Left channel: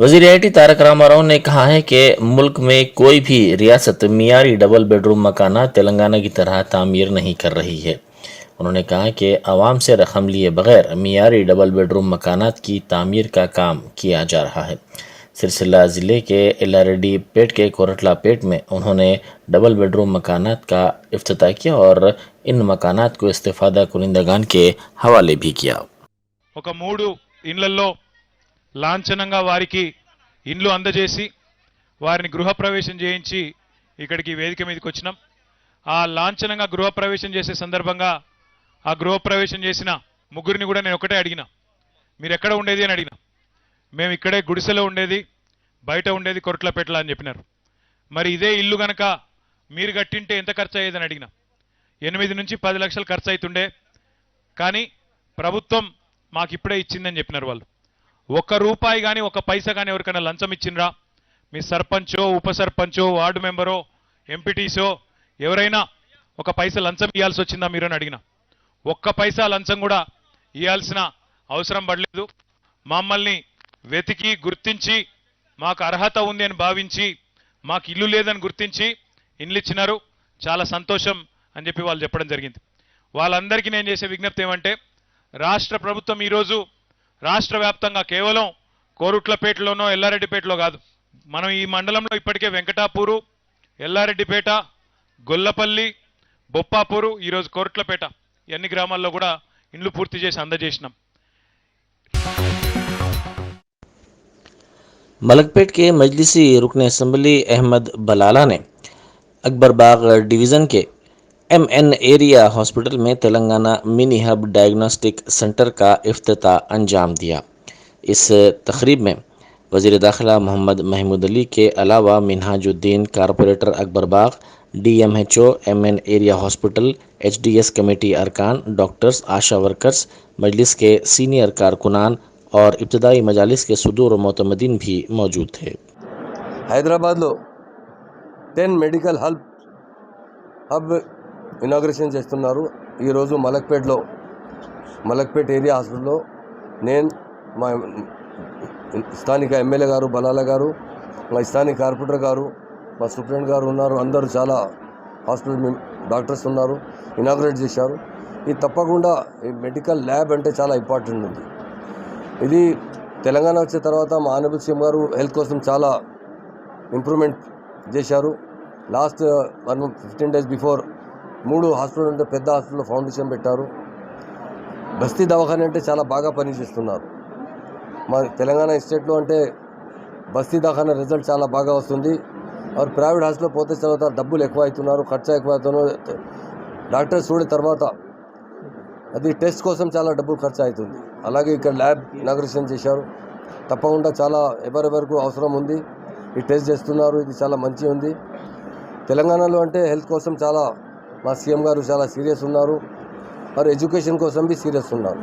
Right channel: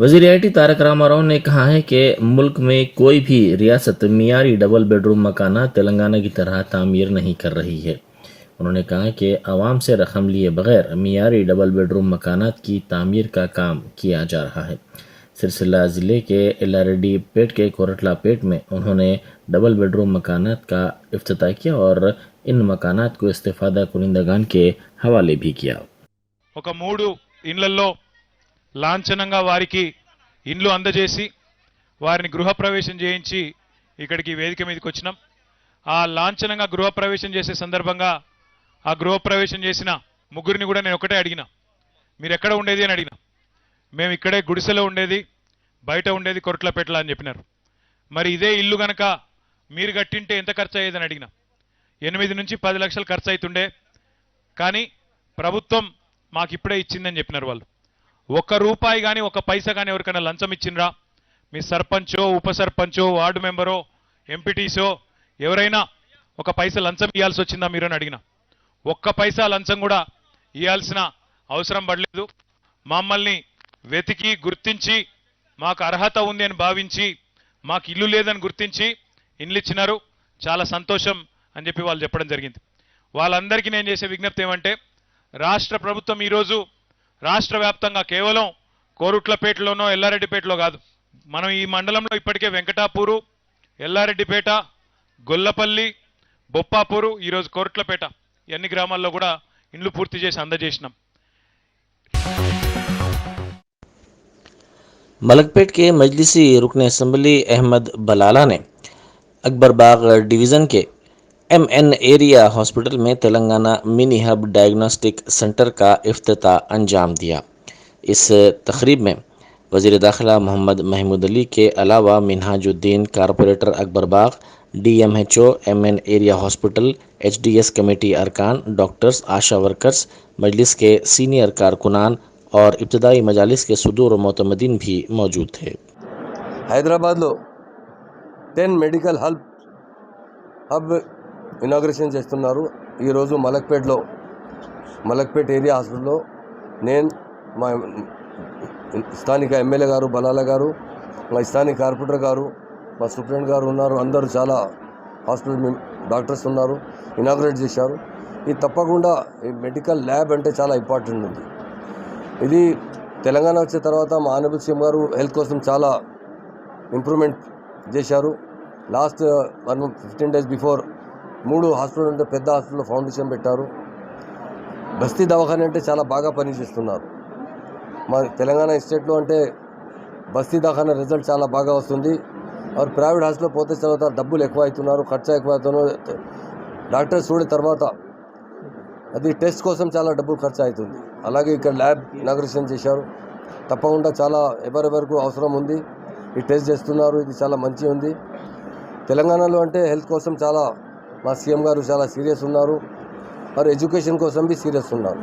वज़ीर I T Tarak Rama Rao ने कहा है कि मुल्क में कोई भी रियासत मियारी डबल बेडरूम मकानात तेलंगाना की तरह तामीर नहीं कर रही है। उन्होंने कहा कि आवाम से रकम लिए बगैर मियारी डबल बेडरूम मकानात की तामीर का काम किया जा रहा है। सिलसिला ज़िले के एल्लारेड्डी पेट के कोरटला पेट में उन्होंने डबल बेडरूम मकानात का इफ्तिताह किया और इन मकानात को इस्तिफादा कुनिंदगान के हवाले भी किया। ఒక 3 ఇండ్లలో లాంఛనంగా వారికి ఇండ్లు అందజేసి వారిని గృహప్రవేశం చేయించి ఇక్కడికి వేదిక మీదకి వచ్చినాం. ఆ లాంఛనంగా గృహప్రవేశం చేసే సందర్భంగా ఆ గృహప్రవేశం చేసిన ముగ్గురిని కూడా నేను ఒకటే అడిగినా, మీరు ఎక్కడ ఉండేది అని అడిగినా. మేము ఇక్కడే గుడిసెలో ఉండేది, బయట ఉండేది కొరట్లపేటలో అని చెప్పినారు. మరి ఇదే ఇల్లు గనక మీరు కట్టింటే ఎంత ఖర్చు అయ్యేదని అడిగినా. 8 నుంచి 10 లక్షలు ఖర్చు అవుతుండే, కానీ ప్రభుత్వం మాకు ఇప్పుడే ఇచ్చిందని చెప్పినారు వాళ్ళు. ఒక్క రూపాయి కానీ ఒక్క పైసా కానీ ఎవరికైనా లంచం ఇచ్చిండ్రా? మీ సర్పంచో, ఉప సర్పంచో, వార్డు మెంబరో, ఎంపీటీసో ఎవరైనా ఒక పైసా లంచం ఇవ్వాల్సి వచ్చిందా మీరు అని అడిగినా. ఒక్క పైసా లంచం కూడా ఇవ్వాల్సిన అవసరం పడలేదు. మమ్మల్ని వెతికి గుర్తించి మాకు అర్హత ఉంది అని భావించి మాకు ఇల్లు లేదని గుర్తించి ఇండ్లు ఇచ్చినారు. చాలా సంతోషం అని చెప్పి వాళ్ళు చెప్పడం జరిగింది. వాళ్ళందరికీ నేను చేసే విజ్ఞప్తి ఏమంటే, రాష్ట్ర ప్రభుత్వం ఈరోజు రాష్ట్ర వ్యాప్తంగా కేవలం కోరుట్లపేటలోనో ఎల్లారెడ్డిపేటలో కాదు, మనం ఈ మండలంలో ఇప్పటికే వెంకటాపూరు, ఎల్లారెడ్డిపేట, గొల్లపల్లి, బొప్పాపూరు, ఈరోజు కోరుట్లపేట ఎన్ని గ్రామాల్లో కూడా ఇండ్లు పూర్తి చేసి అందజేసినాం. मलकपेट के मजलिसी रुकन असम्बली अहमद बलाला ने अकबर बाग डिवीज़न के MN एरिया हॉस्पिटल में Telangana mini hub diagnostic centre का इफ्तिताह अंजाम दिया। इस तकरीब में वज़ीर दाखिला मोहम्मद महमूद अली के अलावा मिनहाजुद्दीन, कारपोरेटर अकबर बाग, DMHO, MN area hospital, HDS committee अरकान, डॉक्टर्स, आशा वर्कर्स, मजलिस के सीनियर कारकुनान और इब्तदाई मजालिस के सुदूर मोतमदीन भी मौजूद थे। హైదరాబాద్లో 10 మెడికల్ హబ్ ఇనాగ్రేషన్ చేస్తున్నారు. ఈరోజు మలక్పేట్ ఏరియా హాస్పిటల్లో నేను, మా స్థానిక ఎమ్మెల్యే గారు బలాల గారు, మా స్థానిక కార్పొరేటర్ గారు, మా సూపరింటెండెంట్ గారు ఉన్నారు. అందరూ చాలా హాస్పిటల్ డాక్టర్స్ ఉన్నారు, ఇనాగ్రేట్ చేశారు. ఇది తప్పకుండా ఈ మెడికల్ ల్యాబ్ అంటే చాలా ఇంపార్టెంట్ ఉంది. ఇది తెలంగాణ వచ్చిన తర్వాత మా ఆనరబుల్ సీఎం గారు హెల్త్ కోసం చాలా ఇంప్రూవ్మెంట్ చేశారు. లాస్ట్ 15 days బిఫోర్ 3 హాస్పిటల్ ఉంటే పెద్ద హాస్పిటల్లో ఫౌండేషన్ పెట్టారు. బస్తీ దవాఖాన అంటే చాలా బాగా పనిచేస్తున్నారు. మా తెలంగాణ స్టేట్లో అంటే బస్తీ దవాఖాన రిజల్ట్ చాలా బాగా వస్తుంది. और ప్రైవేట్ హాస్పిటల్ పోతే తర్వాత డబ్బులు ఎక్కువ అవుతున్నారు, ఖర్చు ఎక్కువ అవుతున్నారు. డాక్టర్స్ చూడిన తర్వాత అది టెస్ట్ కోసం చాలా డబ్బులు ఖర్చు అవుతుంది. అలాగే ఇక్కడ ల్యాబ్ ఇనాగ్రేషన్ చేశారు. తప్పకుండా చాలా ఎవరెవరకు అవసరం ఉంది ఈ టెస్ట్ చేస్తున్నారు. ఇది చాలా మంచి ఉంది. తెలంగాణలో అంటే హెల్త్ కోసం చాలా మా సీఎం గారు చాలా సీరియస్ ఉన్నారు. మరి ఎడ్యుకేషన్ కోసం బి సీరియస్ ఉన్నారు.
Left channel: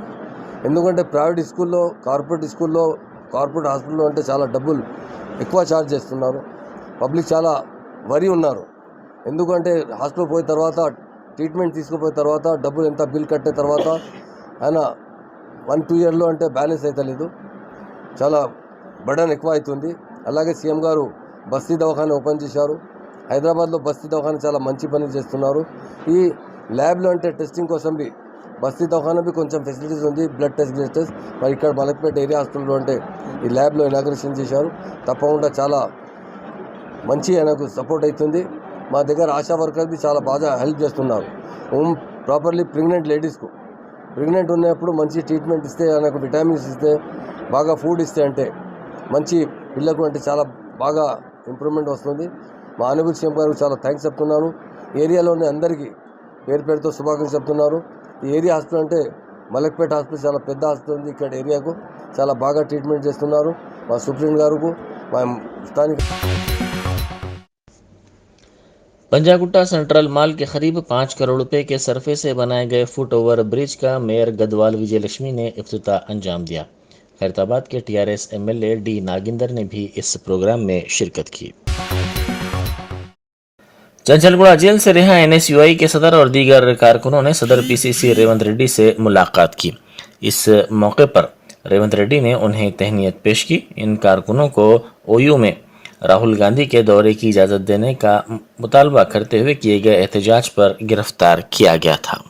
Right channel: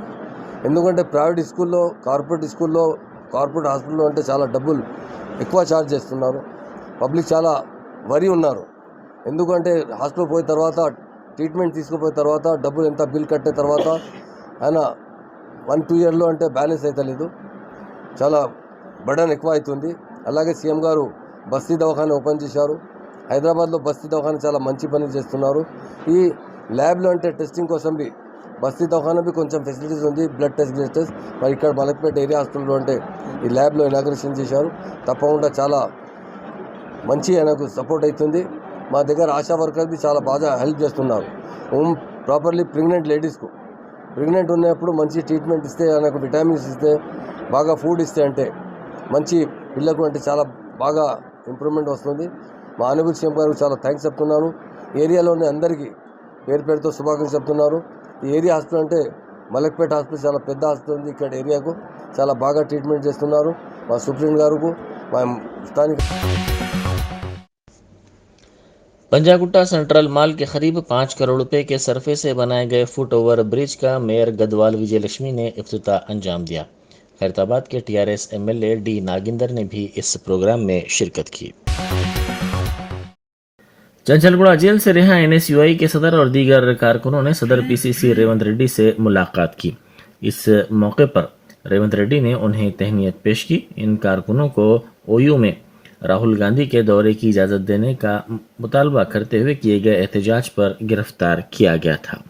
ఎందుకంటే ప్రైవేట్ స్కూల్లో, కార్పొరేట్ హాస్పిటల్లో అంటే చాలా డబ్బులు ఎక్కువ ఛార్జ్ చేస్తున్నారు. పబ్లిక్ చాలా వరి ఉన్నారు. ఎందుకంటే హాస్పిటల్ పోయిన తర్వాత, ట్రీట్మెంట్ తీసుకుపోయిన తర్వాత డబ్బులు ఎంత బిల్ కట్టిన తర్వాత ఆయన 1-2 yearsలో అంటే బ్యాలెన్స్ అవుతలేదు, చాలా బర్డన్ ఎక్కువ అవుతుంది. అలాగే సీఎం గారు బస్తీ దవాఖాన ఓపెన్ చేశారు. హైదరాబాద్లో బస్తీ దవాఖాన చాలా మంచి పని చేస్తున్నారు. ఈ ల్యాబ్లో అంటే టెస్టింగ్ కోసం బి బస్తీ దవాఖాన బి కొంచెం ఫెసిలిటీస్ ఉంది, బ్లడ్ టెస్ట్. మరి ఇక్కడ మలక్పేట ఏరియా హాస్పిటల్లో అంటే ఈ ల్యాబ్లో ఇనాగ్రేషన్ చేశారు. తప్పకుండా చాలా మంచి ఆయనకు సపోర్ట్ అవుతుంది. మా దగ్గర ఆశా వర్కర్స్ బి చాలా బాగా హెల్ప్ చేస్తున్నారు. ప్రాపర్లీ ప్రెగ్నెంట్ ఉన్నప్పుడు మంచి ట్రీట్మెంట్ ఇస్తే, ఆయనకు విటమిన్స్ ఇస్తే, బాగా ఫుడ్ ఇస్తే అంటే మంచి పిల్లకు అంటే చాలా బాగా ఇంప్రూవ్మెంట్ వస్తుంది. మా ఆనరబుల్ సీఎం గారు చాలా థ్యాంక్స్ చెప్తున్నాను. ఏరియాలోని అందరికీ పేరుతో శుభాకాంక్షలు చెప్తున్నారు. ఈ ఏరియా హాస్పిటల్ అంటే మలక్పేట హాస్పిటల్ చాలా పెద్ద హాస్పిటల్ ఉంది. ఇక్కడ ఏరియాకు చాలా బాగా ట్రీట్మెంట్ చేస్తున్నారు. మా సూపరింటెండెంట్ గారు, మా స్థానిక पंजागुट्टा सेंट्रल माल के करीब 5 करोड़ रुपए के सरफे से बनाए गए फुट ओवर ब्रिज का मेयर गदवाल विजयलक्ष्मी ने इफ्तिताह अंजाम दिया। खैरताबाद के TRS MLA D नागिंदर ने भी इस प्रोग्राम में शिरकत की। चंचलगुड़ा जेल से रिहा NSUI के सदर और दीगर कारकुनों ने सदर PCC रेवंत रेड्डी से मुलाकात की। इस मौके पर रेवंत रेड्डी ने उन्हें तहनीत पेश की। इन कारकुनों को ओयू में राहुल गांधी के दौरे की इजाज़त देने का मुतालबा करते हुए किए गए एहतजाज पर गिरफ्तार किया गया था।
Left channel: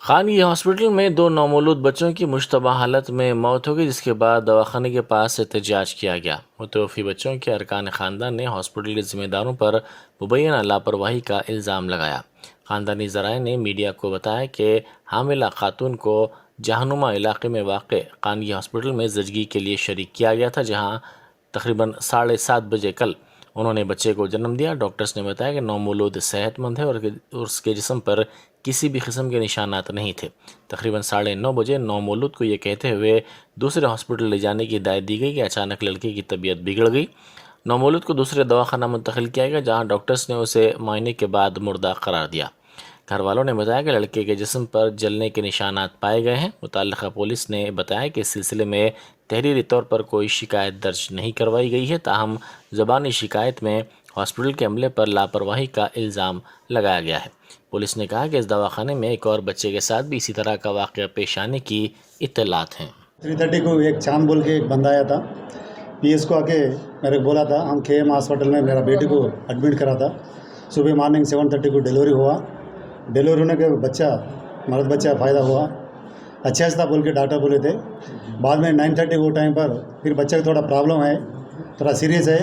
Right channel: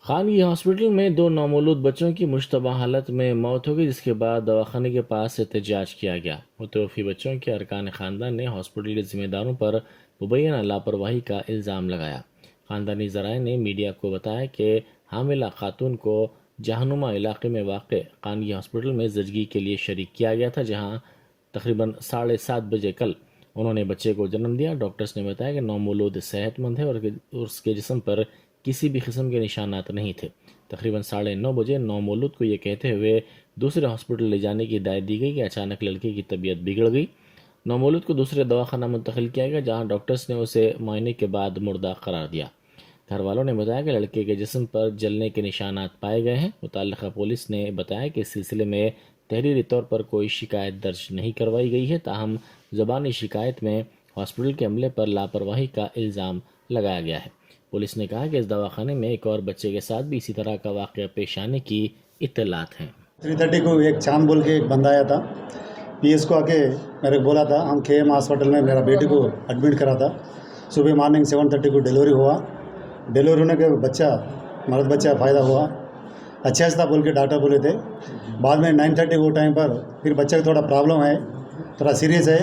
खानगी हॉस्पिटल में 2 नौमौलूद बच्चों की मुश्तबा हालत में मौत हो गई, जिसके बाद दवाखाने के पास एहतजाज किया गया। मुतवफ़ी बच्चों के अरकान ख़ानदान ने हॉस्पिटल के ज़िम्मेदारों पर मुबैना लापरवाही का इल्ज़ाम लगाया। ख़ानदानी ज़राए ने मीडिया को बताया कि हामिला खातून को जहानुमा इलाके में वाक़ खानगी हॉस्पिटल में ज़चगी के लिए शरीक किया गया था, जहाँ तकरीबन 7:30 बजे कल उन्होंने बच्चे को जन्म दिया। डॉक्टर्स ने बताया कि नौमौलूद सेहतमंद है और उसके जिस्म पर किसी भी किस्म के निशानात नहीं थे। तकरीबन 9:30 बजे नौमौलूद को ये कहते हुए दूसरे हॉस्पिटल ले जाने की हिदायत दी गई कि अचानक लड़के की तबीयत बिगड़ गई। नौमौलूद को दूसरे दवाखाना मुंतकिल किया गया, जहां डॉक्टर्स ने उसे मुआयने के बाद मुर्दा करार दिया। घर वालों ने बताया कि लड़के के जिस्म पर जलने के निशानात पाए गए हैं। मुतल्लिक़ा पुलिस ने बताया कि इस सिलसिले में तहरीरी तौर पर कोई शिकायत दर्ज नहीं करवाई गई है, ताहम ज़बानी शिकायत में हॉस्पिटल के अमले पर लापरवाही का इल्ज़ाम लगाया गया है। पुलिस ने कहा कि इस दवाखाने में एक और बच्चे के साथ भी इसी तरह का वाक़या पेश आने की इत्तलात हैं। 3:30 को एक चांद बोल के एक बंदा आया था, पीएस को आके मेरे को बोला था हम KM हॉस्पिटल में मेरा बेटी को एडमिट करा था। सुबह मॉर्निंग 7:30 को डिलीवरी हुआ। डिलीवरी होने के बच्चा मर्द बच्चा फ़ायदा हुआ, अच्छा था बोल के डॉक्टर बोले थे। बाद में 9:30 वो टाइम पर फिर बच्चे को थोड़ा प्रॉब्लम है, थोड़ा सीरियस है,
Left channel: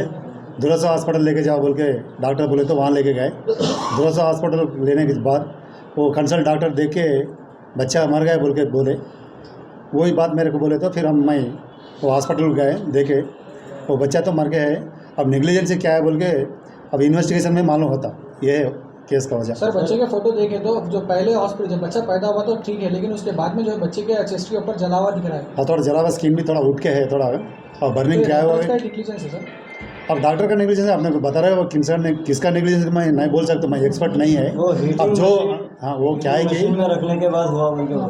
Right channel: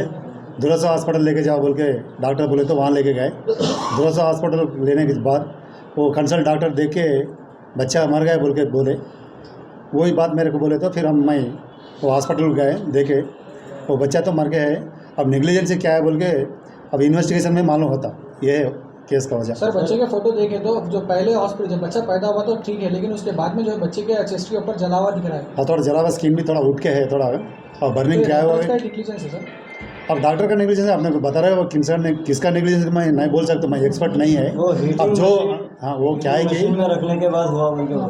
दुरसा हॉस्पिटल लेके जाओ बोल के डॉक्टर बोले तो वहाँ लेके गए। दुरसा हॉस्पिटल लेने के बाद वो कंसल्ट डॉक्टर देख के बच्चा मर गया बोल के बोले, वही बात मेरे को बोले तो फिर मैं वो हॉस्पिटल गए, देखे वो बच्चा तो मर गया है। अब नेग्लिजेंस क्या है बोल के अब इन्वेस्टिगेशन में मालूम होता, ये है केस का वजह। सर बच्चे के फोटो देखे तो जो पहले हॉस्पिटल जब बच्चा पैदा हुआ तो ठीक है, लेकिन उसके बाद में जो है बच्चे के चेस्ट के ऊपर जला हुआ दिख रहा है। हाँ, थोड़ा जला हुआ स्किन भी थोड़ा उठ के है थोड़ा, और बर्निंग क्या हुआ है। नेग्लिजेंस है सर। अब डॉक्टर का नेग्लिजेंस है, आपने बता रहे हो किसका नेग्लिजेंस मैं नहीं बोल सकता, मैं एक्सपर्ट नहीं है। अब जो हाँ वो क्या है कि रखने के बाद हुआ,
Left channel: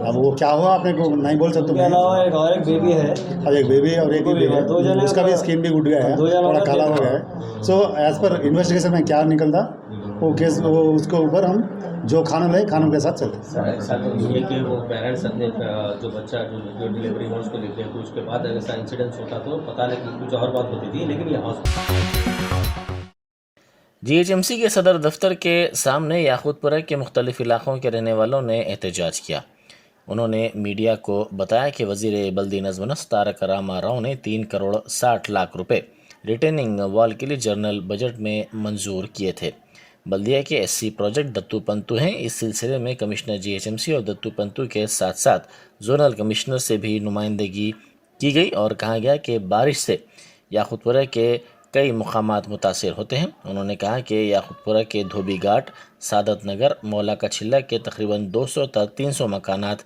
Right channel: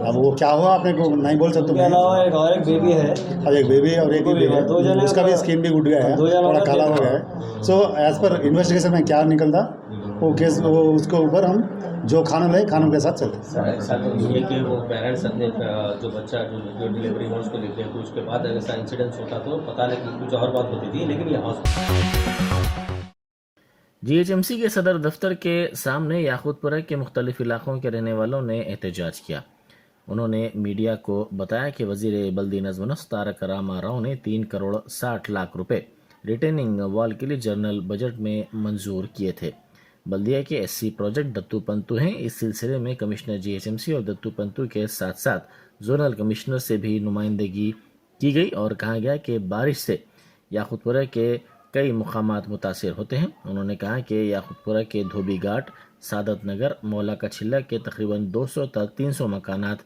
अब वो क्या हुआ आपने को नहीं बोल सकता। उसके अलावा एक बेबी है, अब एक बेबी और एक बेबी है, उसका भी स्किन भी उठ गया है, थोड़ा काला हो गया है। सो एज पर इन्वेस्टिगेशन में क्या निकलता वो केस वो उसके ऊपर हम जो कानून है कानून के साथ चलते। ये कि वो पेरेंट्स अपने जो बच्चा जो डिलीवरी हो उसको देखते हैं, तो उसके बाद अगर ऐसा इंसिडेंस होता तो पता नहीं कुछ और बात होती थी, लेकिन ये GHMC के सदर दफ्तर के सामने याकूतपुरा के मुख्तलिफ इलाकों के रहने वालों ने एहतजाज किया। उन्होंने मीडिया को बताया कि वज़ीर बल्दी नज़्म नस्क तारक रामा राव ने 3 करोड़ 60 लाख रुपए रिटेनिंग वॉल के लिए जनरल बजट में मंजूर किए थे। बल्दिया के SC प्रोजेक्ट दत्तू पंतु हैं। इस सिलसिले में कमिश्नर GHMC और दत्तू पंतु के साथ साथ जोनल कमिश्नर से भी नुमाइंदगी की गई और कहा गया कि बारिश से याकूतपुरा के कई मुकामात मुतासिर होते हैं। उन्होंने कहा कि याकूतपुरा के धोबी घाट, सादत नगर, मौला का छिल्ला के तकरीबन 200 तक 300 मकानात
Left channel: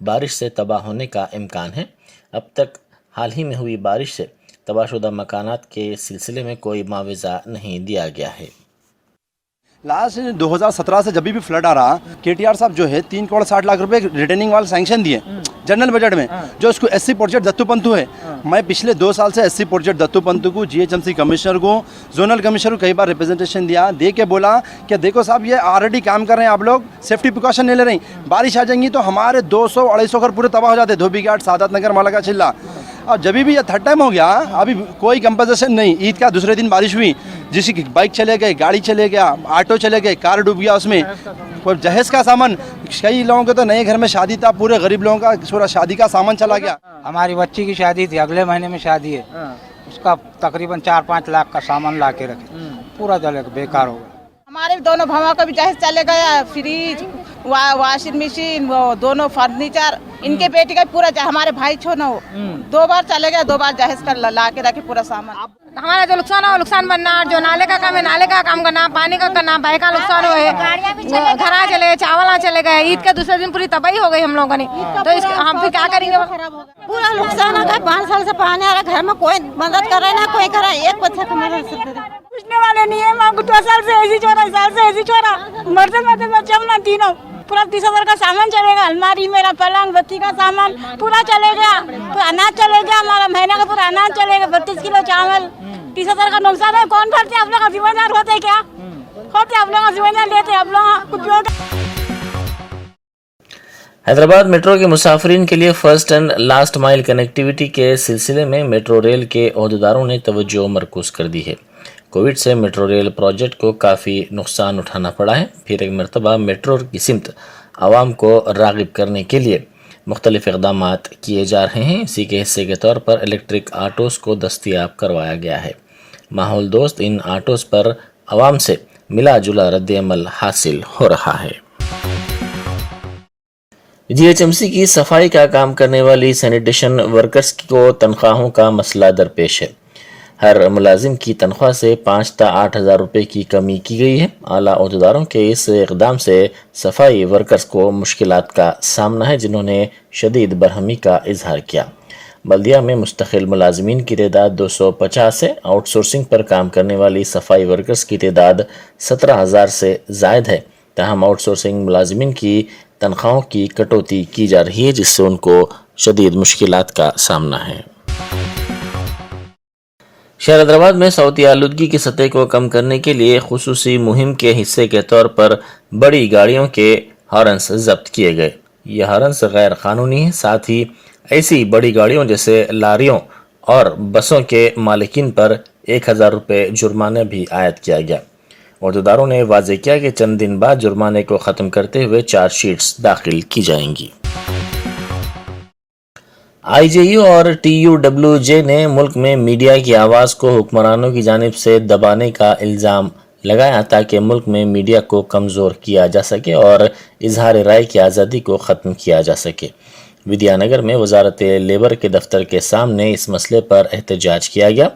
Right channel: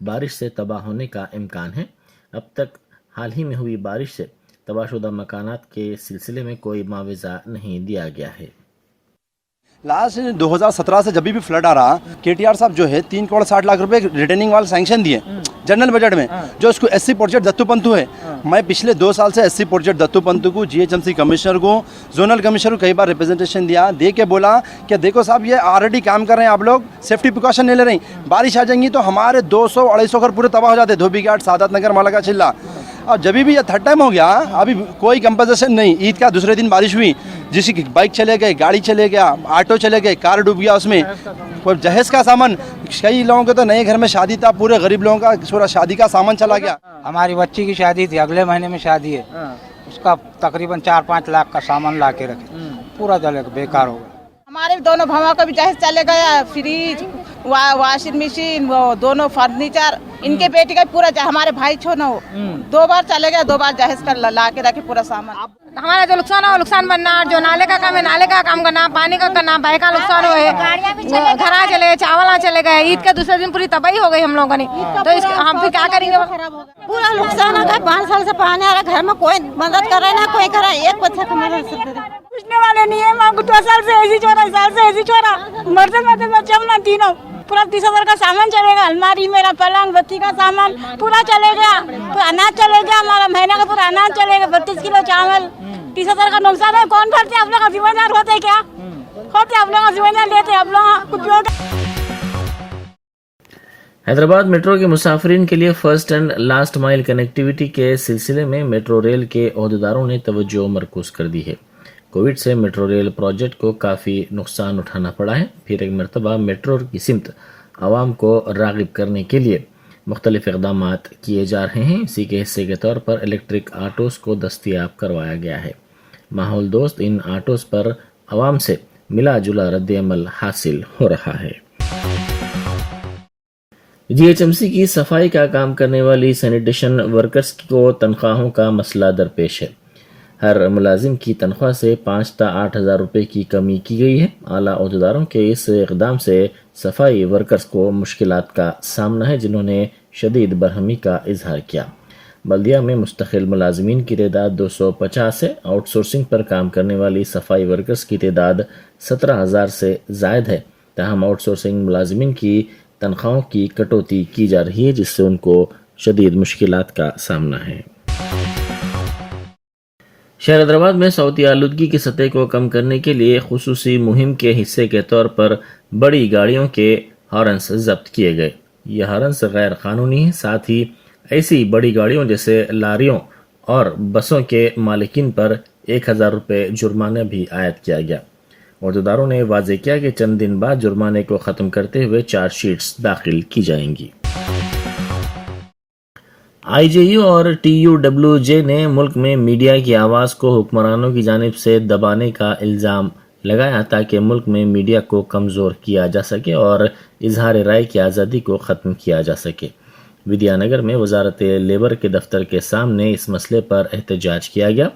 बारिश से तबाह होने का इम्कान है। अब तक हाल ही में हुई बारिश से तबाहशुदा मकानात के सिलसिले में कोई मुआवजा नहीं दिया गया है। लास्ट 2017 से जब भी फ्लड आ रहा, KTR साहब जो है 3 करोड़ 60 लाख रुपए रिटर्निंग वाला सैंक्शन दिए जनरल बजट में, जो इसको SC प्रोजेक्ट दत्तू पंतु है। मैं पिछले 2 साल से SC प्रोजेक्ट दत्तू पंतु को, GHMC कमिश्नर को, जोनल कमिश्नर को कई बार रिप्रेजेंटेशन दिया, दे के बोला कि देखो साहब ये ऑलरेडी काम कर रहे हैं, आप लोग सेफ्टी प्रिकॉशन नहीं ले रहे हैं, बारिश आ जाएंगी तो हमारे 200-250 घर पूरे तबाह हो जाते, धोबी घाट, सादत नगर, मौला का छिल्ला। और जब भी ये थर्ड टाइम हो गया, अभी कोई कंपनसेशन नहीं। ईद का दूसरे दिन बारिश हुई, जिसकी बाइक चले गए, गाड़ी चले गया, ऑटो चले गए, कार डूब गया, उसमें कोई जहेज का सामान, कई लोगों के तो नए घर में शादी था, पूरे गरीब लोगों का पूरा शादी का सामान चला गया। हमारी बच्ची की शादी थी, अगले महीने में शादी है, उसका तकरीबन 4-5 लाख का सामान ला के रखे, पूरा जले बेकार हो गया। हमारे दोनों भावों का भी जहेज चले गया, फ्रिज, वॉशिंग मशीन, वो दोनों फर्नीचर, इनके बेटी का पूरा हमारे भाई छोना हो 2 बार चले गया, 2 बार जहेज कर ला के रखे पूरा सामान। हमारा जो नुकसान हो नुकसान बनना, जो नाले का काम है नाले का काम करना, पानी का करना, भाई का नुकसान हो, घरा चले, चावल चले गए, ईद के दूसरे दिन पूरी तबाही हो गई हम लोगों ने, तो हम फिर क्या करेंगे? पूरा नुकसान हो गया। 5 साल से पानी आ रहा, घर में कोई मदद कर रहा ना कोई कर रहा, एक बच्चा का मदद पूछने वाले नहीं है। माँ 2 साल से ऐसी छोड़ा, साल से ऐसी छोड़ा, मरते मरते बच्चे हम ना तीनों, पूरा 30,000 का सामान चलेगा, अलमारी, मेरा पलंग, बत्ती का सामान पूरा चले गया, पूरा अनाज चले गया, हमारा महीना का पूरा अनाज चलेगा, 32 किलो चावल, 30,000 का नुकसान है। कौन भरते? आप लोग का जिम्मेदार होते क्या? होते आप लोग का जिम्मेदार लेते आप लोग कुछ। हैदराबाद मेट्रो के मुसाफिरीन के लिए first and last mile connectivity के सिलसिले में मेट्रो रेल के अहदेदारों ने तवज्जो मरकूज कर दी है। कोविड से मेट्रो रेल प्रोजेक्ट को काफ़ी नुकसान उठाना पड़ा है। फिर एक मरतबा मेट्रो की सिमत आवाम को राग़िब करने के लिए मुख्तलिफ इक़दाम किए जा रहे हैं। इसी के हिस्से के तौर पर इलेक्ट्रिक आटोज़ को दस्तयाब करवाया गया है। माहौल दोस्त इन आटोज़ पर आवाम से मिला जुला रद्द-ए-अमल हासिल हो रहा है। जीएचएमसी की सफाई का काम करने वाली सैनिटेशन वर्कर्स को तनख्वाहों का मसला दरपेश है। हर मुलाजिम की तनख्वाह से 5 से 8 हज़ार रुपये की कमी की गई है। आला अहदेदारों के इस इक़दाम से सफाई वर्कर्स को मुश्किलात का सामना है, जिन्होंने शदीद बरहमी का इजहार किया। बल्दिया में मुस्तकिल मुलाजमीन की तादाद 250 है। आउटसोर्सिंग पर काम करने वाली सफाई वर्कर्स की तादाद 17,000 से ज़ायद है। ताहम आउटसोर्सिंग मुलाजमीन की तनख्वाहों की कटौती की जा रही है, जिससे उनको शदीद मुश्किलात का सामना है। शहर हैदराबाद में सौती आलूदगी की सतह को कम करने के लिए खुसूसी मुहिम के हिस्से के तौर पर बड़ी गाड़ियों के हॉर्न्स जब्त किए गए। ये हॉर्न्स गैर कानूनी हैं। साथ ही ऐसी बड़ी गाड़ियों जैसे लारियों और बसों के मालिकीन पर 1,000 रुपये जुर्माना भी आयद किया गया। अहदेदारों ने वाज़ेह किया कि चंद दिन बाद जुर्माने को ख़त्म करते हुए चार्जशीट्स दाखिल की जाएंगी। आईजेयू और टीयूडब्ल्यूजे ने मुल्क में मीडिया की आवाज़ को हुक्मरानों की जानिब से दबाने का इल्ज़ाम लगाया, ताकि मुल्क में मीडिया को कमज़ोर किया जा सके और इजहार राय की आज़ादी को ख़त्म किया जा सके। विद्यानगर में वजारत लेबर के दफ्तर के सामने इस मसले पर एहतजाज किया गया।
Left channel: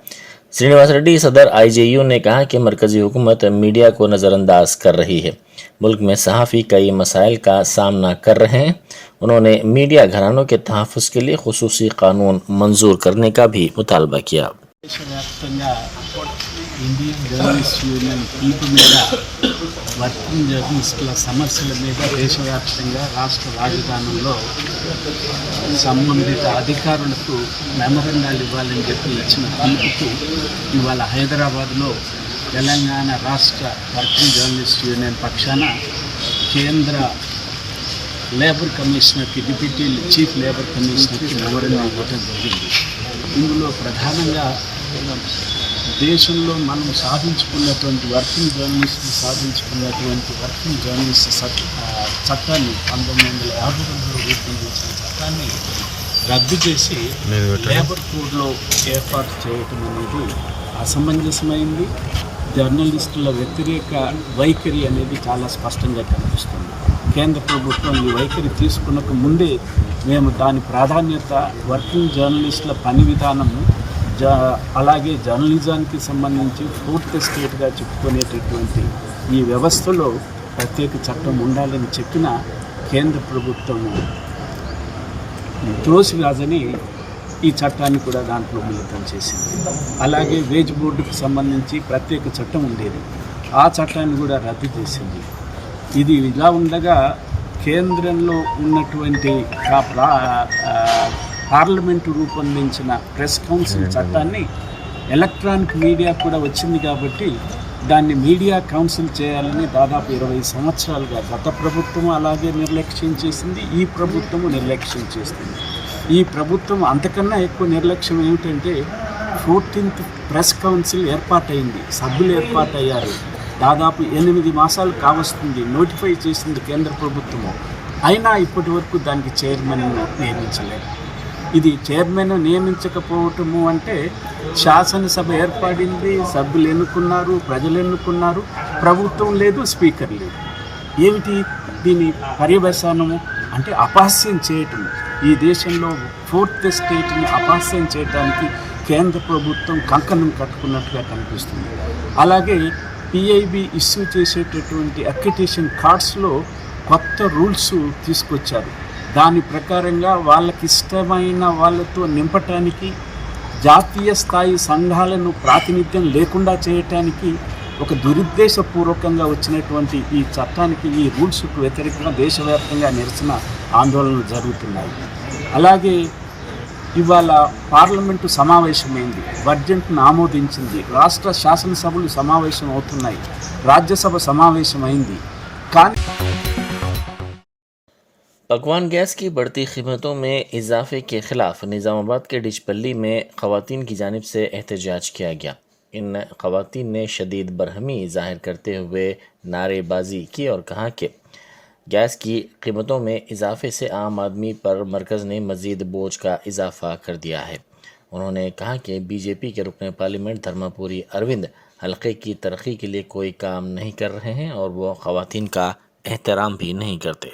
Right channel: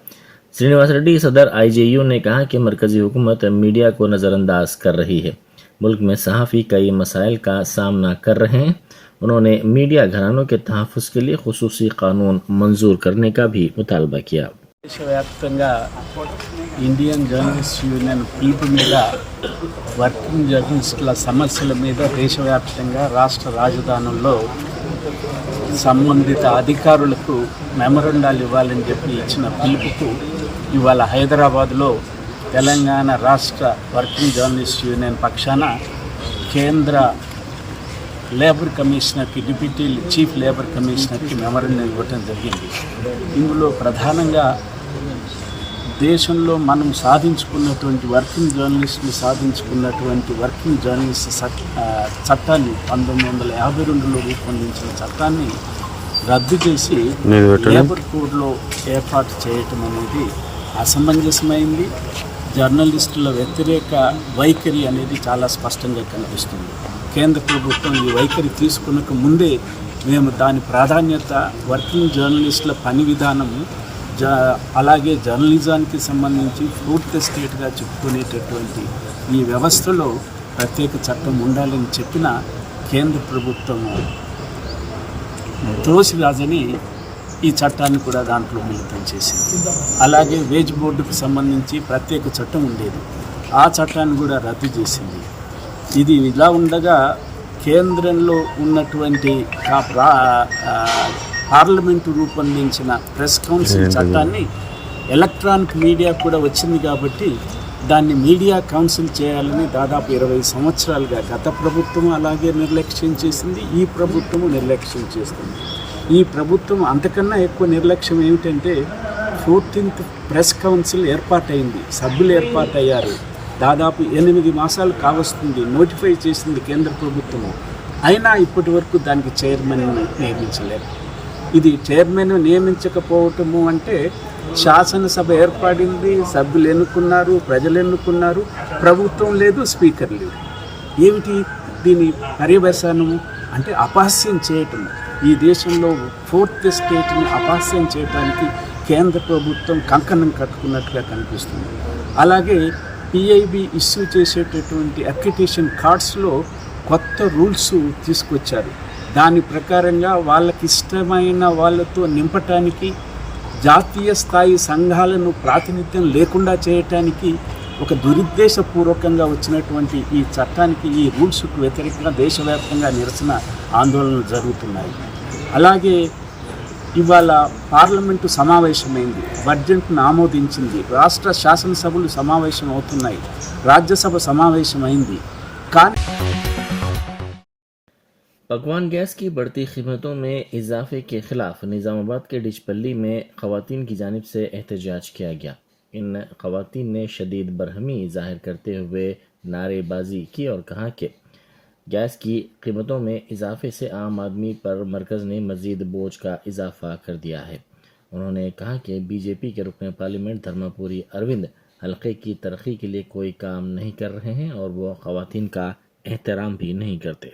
श्रीनिवास रेड्डी सदर आईजेयू ने कहा कि मरकज़ी हुकूमत मीडिया को नज़रअंदाज कर रही है। मुल्क में सहाफ़ी कई मसाइल का सामना कर रहे हैं। उन्होंने मीडिया घरानों के तहफ़्फ़ुज़ के लिए खुसूसी कानून मंजूर करने का भी मुतालबा किया। దేశవ్యాప్తంగా ఇండియన్ జర్నలిస్ట్ యూనియన్ పిలుపు మీద వర్కింగ్ జర్నలిస్టుల సమస్యల మీద దేశవ్యాప్తంగా రాష్ట్ర రాజధానుల్లో సంబంధిత అధికారులకు మెమరండాలు ఇవ్వాలని చెప్పి ఇచ్చిన పిలుపుకు ఇవాళ హైదరాబాద్లో తెలంగాణ రాష్ట్ర వర్కింగ్ జర్నలిస్ట్ యూనియన్ పక్షాన కేంద్ర labour కమిషనర్కి deputy chief labour కమిషనర్కి memorandum ఇవ్వడం జరిగింది. ఇందులో ప్రధానంగా దేశంలో మనం సాధించుకున్నటువంటి వర్కింగ్ జర్నలిస్టులు సాధించుకున్నటువంటి వర్కింగ్ జర్నలిస్ట్ చట్టాన్ని 1952లో రూపొందించిన చట్టాన్ని రద్దు చేసి లేబర్ కోడ్లో ఏర్పాటు చేయటం అనేది అసమంజసమైంది. జర్నలిస్టుల వ్యతిరేక వైఖరి అనేది చాలా స్పష్టంగా కనిపిస్తుంది. కేంద్ర ప్రభుత్వం ఈ వైఖరి తీసుకున్నక ముందే మేము దాని ప్రాధాన్యత వర్కింగ్ జర్నలిస్టుల పని విధానము అలాగే జర్నలిజానికి సంబంధించి ఫోర్త్ స్టేట్గా చెప్పుకునేటటువంటి ఈ వ్యవస్థలో ప్రత్యేక చట్టం ఉండాలని చెప్పిన కేంద్ర ప్రభుత్వము త్రోసిరాజని ఈ చట్టాన్ని కూడా దాంట్లో మిళితం చేసింది. అలాగే వేజ్ బోర్డుకు సంబంధించి ప్రత్యేక చట్టం ఉండేది, ఆ చట్టాన్ని కూడా రద్దు చేసింది. ఇది ఇలా ఉండగా కేంద్రంలో ఉన్నటువంటి పార్లమెంటు రూపొందించిన ప్రెస్ కౌన్సిల్ చట్టాన్ని ఎలక్ట్రానిక్ మీడియా కూడా వచ్చింది కాబట్టి దాన్ని మీడియా కౌన్సిల్ చేయాలని దాదాపు 20 సంవత్సరాలుగా గత ప్రభుత్వం అలాగే నిర్లక్ష్యం చేసింది, ఈ ప్రభుత్వము నిర్లక్ష్యం చేస్తుంది. ఈ ప్రభుత్వం అంతకన్నా ఎక్కువ నిర్లక్ష్యం ఏమిటంటే 14th ప్రెస్ కౌన్సిల్ ఏర్పాటైంది, సభ్యులు ఏర్పాటయ్యారు. దాదాపు 8 మాసాలు కావస్తుంది, నోటిఫై చేసింది కేంద్ర ప్రభుత్వము. అయినా ఇప్పటి వరకు దానికి చైర్మన్ నియమించలేదు. ఇది చైర్మన్ నియమించకపోవటము అంటే శాసనసభ ఏర్పడింది, సభ్యులు ఎన్నుకున్నారు, ప్రజలు ఎన్నుకున్నారు, ప్రభుత్వం లేదు, స్పీకర్ లేదు. ఏమిటి దీని పర్యవసానము అంటే అపహాస్యం చేయటము. ఈ దేశంలో ఫోర్త్ స్టేట్ని అపహాస్యం చేయడానికి కేంద్ర ప్రభుత్వం కంకణం కట్టుకున్నట్టుగా కనిపిస్తుంది. అలాగే పిఐబి ఇష్యూ చేసేటటువంటి అక్రిడిటేషన్ కార్డ్స్లో కొత్త రూల్స్ తీసుకొచ్చారు. దాని ప్రకారంగా వాళ్ళకి ఇష్టమైన వాళ్ళతో నింపటానికి, జాతీయ స్థాయి సంఘాలను ప్రాతినిధ్యం లేకుండా చేయటానికి ఒక దురుద్దేశపూర్వకంగా వచ్చినటువంటి ఈ చట్టానికి, ఈ రూల్స్కు వ్యతిరేకంగా దేశవ్యాప్తంగా నిరసన ఆందోళనలు జరుగుతున్నాయి. అలాగే ఇవాళ పార్లమెంటు సమావేశమైంది, బడ్జెట్ను ఆమోదించింది, రాష్ట్ర శాసనసభలు సమావేశం అవుతున్నాయి, రాజ్యసభ సమావేశమైంది. కానీ پکوان گیس کی بڑھتی قیمتوں میں اضافے کے خلاف نظام آباد کے ڈچ پلی میں خواتین کی جانب سے احتجاج کیا گیا۔ ان خواتین نے شدید برہمی ظاہر کرتے ہوئے نعرے بازی کی اور کہا کہ گیس کی قیمتوں میں اضافے سے عام آدمی پر مرکز نے مزید بوجھ کا اضافہ کر دیا ہے۔ انہوں نے کہا کہ بی جے پی کے رکن پارلیمنٹ دھرما پوری اروند حلقے کی ترقی کے لیے کوئی کام نہیں کر رہے ہیں اور وہ خواتین کا احترام بھی نہیں کرتے۔